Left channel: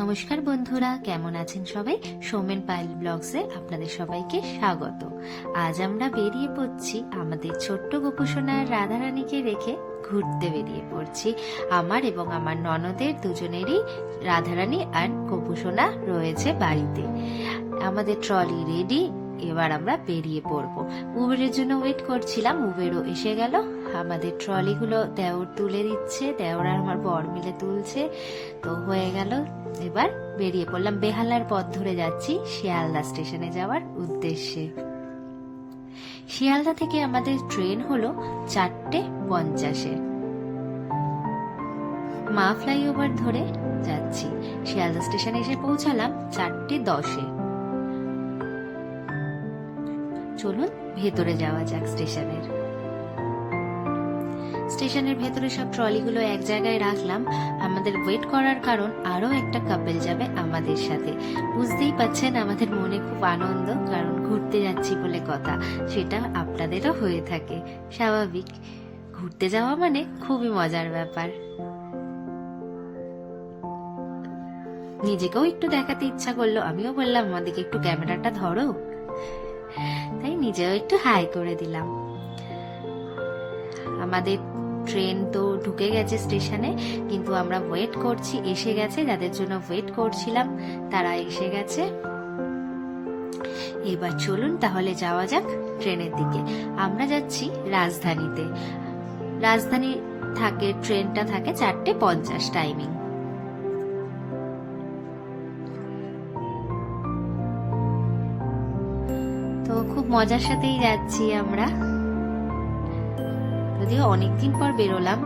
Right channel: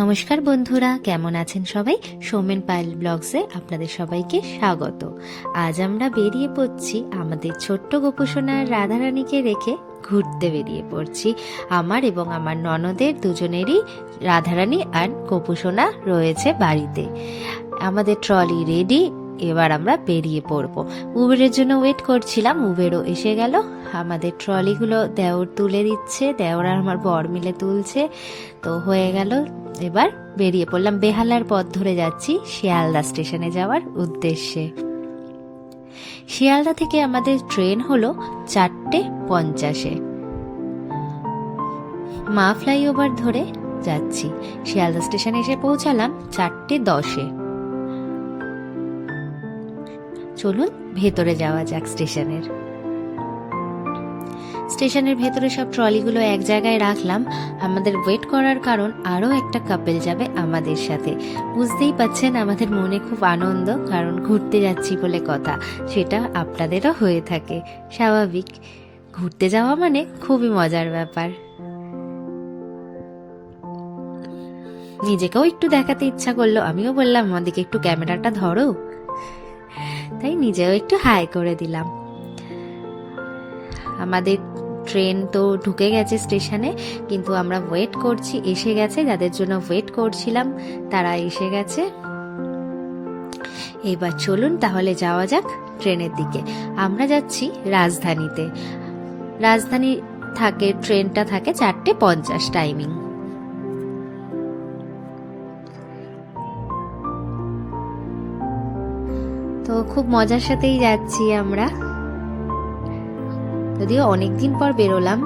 নমস্কার বন্ধুরা, কেমন আছেন সবাই? সোমেন পাইল ব্লগসে আপনাদের সবাইকে স্বাগত। আজ আমরা বেরিয়ে পড়ছি আমাদের ছোট্ট গোপসোনার রাধারানীকে রেখে ঘুরতে বেরিয়ে পড়ছি। আমার এবং আমার ননদের দুজনেরই রাধারানী আর গোপুসোনা রয়েছে বাড়িতে। আমাদের ট্রলি রেডি এবার আমরা বেরিয়ে পড়ব। উবেরের জন্য ওয়েট করছিলাম, উবেরও এসে গেল। আমাদের ট্রলিগুলো দেওর তুলে দিচ্ছে, দেওর আর আমার বর মিলে তুলছে। তো হয়ে গেল, এবার বেরিয়ে পড়লাম। বেহালার পথ ধরে যাচ্ছি শিয়ালদা স্টেশনে যাওয়ার উদ্দেশ্যে। শিয়ালদা থেকে আমাদের ট্রেন হলো চারটে পঞ্চাশে। মা ফ্লাইওভার ধরে যাচ্ছি। শিয়ালদা স্টেশনে এসে পৌঁছালাম চারটে দশে। চলুন ভেতরে যাওয়া যাক স্টেশনের। স্টেশনের ভেতরে সব ট্রলিগুলো এক জায়গায় রাখলাম। আমাদের ওয়েট করার কারণ আরও একটা কাপেল যাবে আমাদের সাথে। বুঝতেই পাচ্ছেন আমাদের মনে খুব আনন্দ, কারণ ঘুরতে যাচ্ছি বলে কথা, সেটা আপনাদেরও হয়ে থাকে। স্বাভাবিক। ঘুরতে যাওয়া মানে খুবই মজার ব্যাপার। নিজেকেও একটু দেখাতে ইচ্ছা করল, আমিও বললাম আমাদেরকে একটু ক্যামেরাটা ধরো। তাই নিজেও একটু হাই করে দিলাম। আমাদের ট্রেন তো ঢুকে গেছে স্টেশনে, কিন্তু আমরা ওয়েট করছি, এসে গেছে, যাদের জন্য ওয়েট করছিলাম, তারা এসে গেছে। এবার চলুন তাহলে যাওয়া যাক ট্রেনের দিকে। আমরা যাচ্ছি রাজধানীতে। রাজধানী থাকে, ট্রেনটা থাকে চারটে পঞ্চাশ টাইমিং তো খুব মজার সাথেই যাচ্ছি আমরা। যদিও অনেকদিন পর বেরোলাম।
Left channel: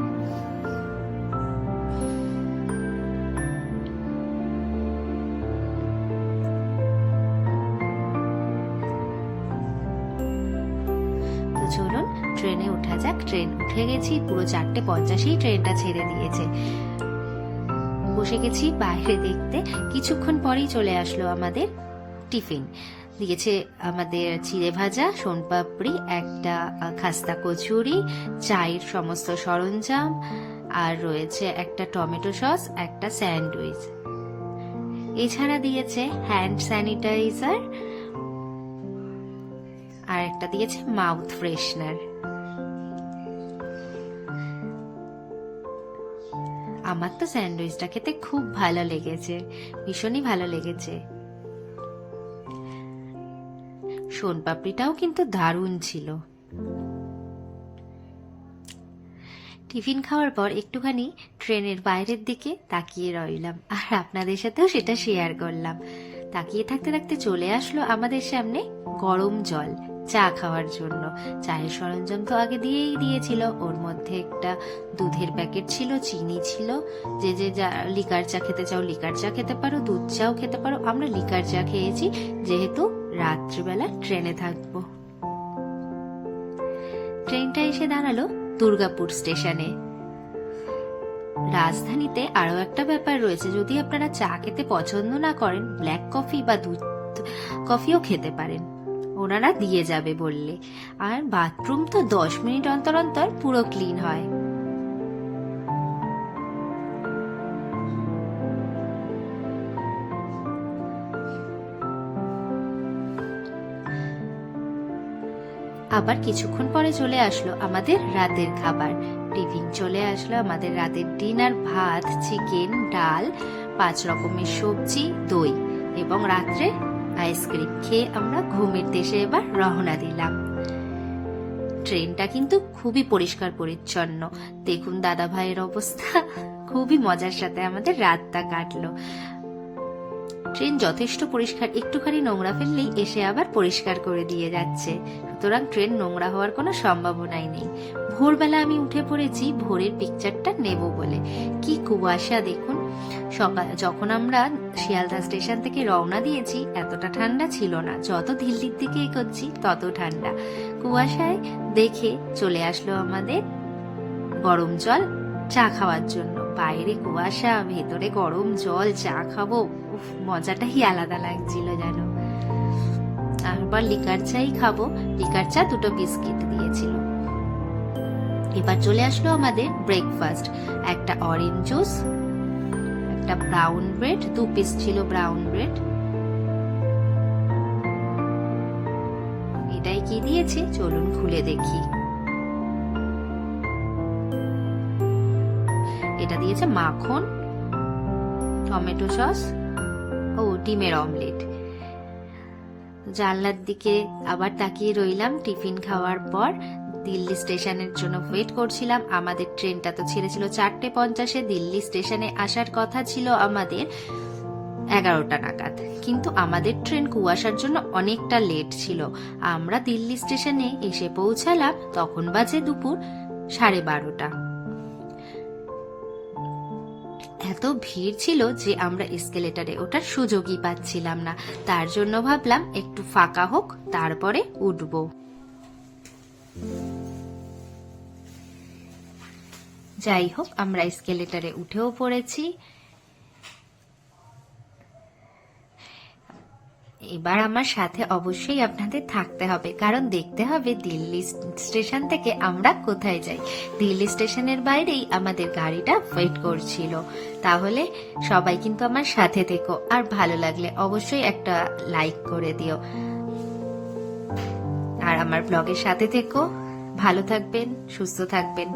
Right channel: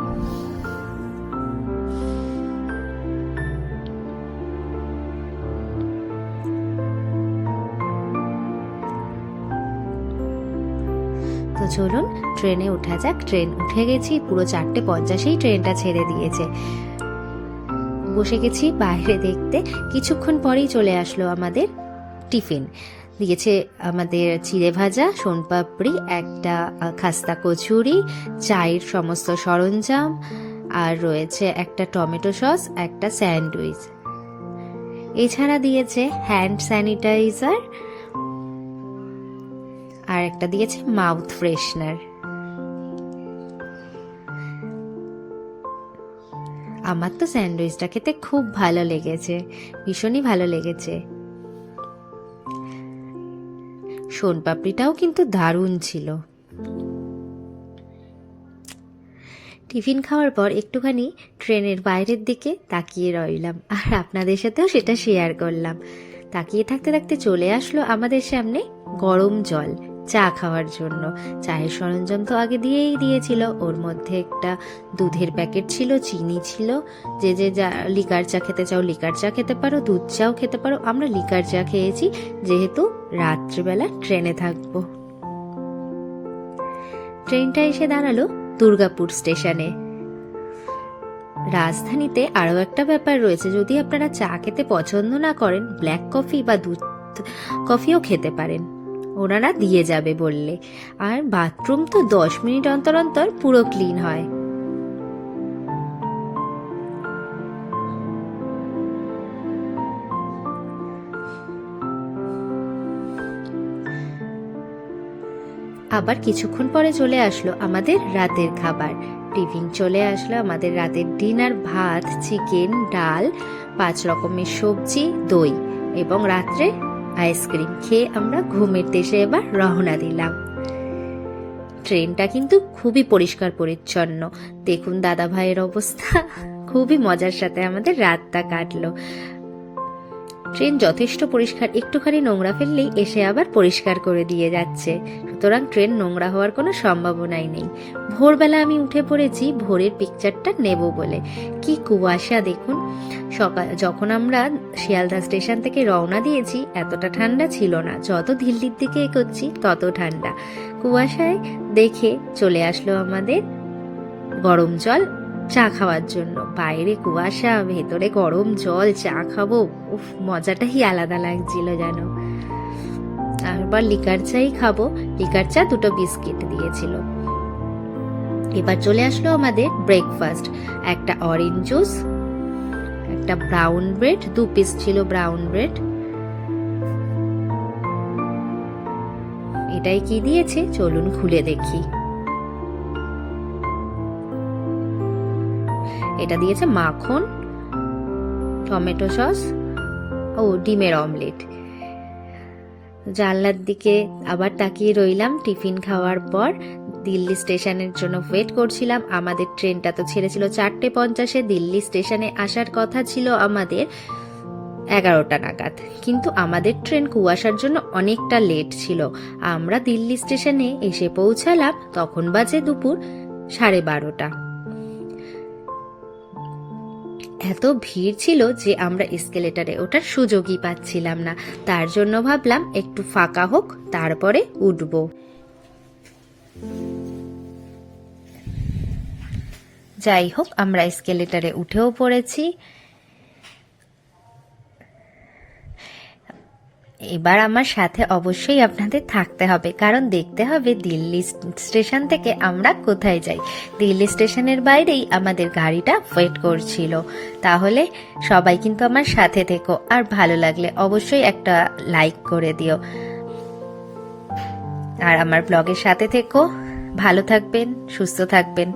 তো চলুন, ট্রেনে ওঠা যাক। ট্রেন উঠে গেছি, পুরো চারটে পঞ্চাশেই ট্রেনটা ছেড়ে দিয়েছে। বসে গেছি বাইরে দেখতে। কিছুক্ষণ পরেই চলে আসলো আমাদের টিফিন। দিয়েছে আমাদের চিড়ে ভাজা, সোনপাপড়ি, একটা খাস্তা কচুরি, চায়ের সমস্ত সরঞ্জাম, আর রয়েছে একটা টমেটো সস, একটা স্যান্ডউইচ। এছাড়া দিয়েছে হ্যান্ড স্যানিটাইজার, আর একটা দিয়েছে মাউথ ফ্রেশনার। আমার তো স্যান্ডউইচটা খেতে খুব ভালো লেগেছে, ভীষণই ভালো লেগেছে। সোনপাপড়িটাও কিন্তু দারুণ ছিল। টিফিন খাওয়ার পর একটুখানি ট্রেনের বাইরের দিকে তাকিয়ে রইলাম আর আপনাদের সাথেও সেটা শেয়ার করলাম। তাকিয়ে থাকতে থাকতে চলে আসলো আমাদের সামনে গরম জল। চা খাওয়ার জন্য। চায়ের সরঞ্জাম তো আগে দিয়েই দিয়েছিল। ওর মধ্যে একটা দুধের প্যাকেট ছিল, চিনি ছিল। যে যে, যা, লিকার চা খেতে চাও, লিকার চা খেতে পারো, দুধ চাও খেতে পারো। আমরা লিকার চা খেয়েছি, যেহেতু রাত্রিবেলা ট্রেনে থাকব। ট্রেনটা এসে দাঁড়াল দুর্গাপুর স্টেশনে। রাজধানীতে আরও একটা ব্যাপার রয়েছে। যদি আপনারা চা খেতে পছন্দ না করেন, ব্ল্যাক কফি বা দুধ কফিও খেতে পারেন। ওনারা দিয়ে যাবে বললে। আর বাথরুম তো দশ মিনিট অন্তর অন্তর পুরো ক্লিন হয়। আবার কিছুক্ষণ পরে চলে আসলো আমাদের রাতের খাবার। টিফিন চলে আসলো আমাদের রাতের ডিনার ভাত চিকেন ডাল, পাঁচ রকমের সবজি, দই এবং রাত্রে আইসক্রিম খেয়ে আমরা ঘুমের দেশে এবার রওনা দিলাম। ট্রেনটা কিন্তু খুবই পরিষ্কার পরিচ্ছন্ন। দেখুন দাদা ভাইয়ের অবস্থা। খুবই মজার সাথে আমাদের রাতটা কাটলো। ট্রেন যথেষ্ট পরিষ্কার। একটুখানি নোংরা ফেললেই এসে আবার পরিষ্কার করে দিয়ে যাচ্ছে। সুতরাং ট্রেন নোংরা হওয়ার কোনো সম্ভাবনাই নেই। ভোরবেলা আমি উঠে পড়েছি, ভোরের পিকচারটা নেব বলে। কি কুয়াশা, দেখুন। সকাল যখন আমরা শিয়ালদা স্টেশন থেকে রওনা দিয়েছি, এতটা ঠান্ডা ছিল না। যত দিল্লির দিকে এগোচ্ছি, তত ঠান্ডা। কুয়াশায় দেখে চলে আসলো আমাদের গরম জল চা খাওয়ার জন্য। বাইরে কুয়াশা, ভেতরে গরম জল, চা খাব। উফ, মজাটাই আলাদা লাগছিল যেন। আবার লিকার চাই খাব। লিকার চা দুটো বিস্কিট দিয়েছিল। এবার চলে আসলো আমাদের ব্রেকফাস্ট একটা অরেঞ্জ জুস একটা ব্রাউন ব্রেড দু পিস ছিল ব্রাউন ব্রেড এটাই কি দিয়েছে? চলুন খুলে দেখি। এটা দিয়েছে মাখন, টমেটো সস ও ডিমের অমলেট। জানলার দিকে আবার তাকিয়ে রইলাম টিফিন খাওয়ার পর। দিল্লি স্টেশনের জন্য ওয়েট করছিলাম। আমাদের ট্রেনটা তো ছেড়েছিল চারটে পঞ্চাশে। দিল্লি স্টেশনে আসার কথা ছিল আমাদের এগারোটা নাগাদ। কিন্তু আমাদের ট্রেন কুয়াশার জন্য অনেকটা লেট ছিল। আমরা দিল্লি স্টেশনে এসে পৌঁছালাম, তখন বাজে দুপুর সাড়ে বারোটা। এত ভিড় ছিল যে আমরা এসকেলেটারে ওঠার সুযোগই পাচ্ছিলাম না। তার জন্য ভাবলাম একটু ফাঁকা হোক, তারপরে উঠব। যাই হোক আমরা এসকেলেটারে উঠেও পড়েছি। এবার আমার সাথে অবশ্যই আপনাদের থাকতে হবে, কারণ দেখতে হবে দিল্লি স্টেশন থেকে আমরা কোথায় যাই। দিল্লি স্টেশনের বাইরেই আমাদের গাড়িটা ওয়েট করছিল। তাহলে সবাই কিন্তু আমার সাথে থেকো, আর ভালো লাগলে অবশ্যই একটা লাইক করে দিও। আর আমার ব্লগের সাথে থেকো। ভালো থাকবেন, সুস্থ থাকবেন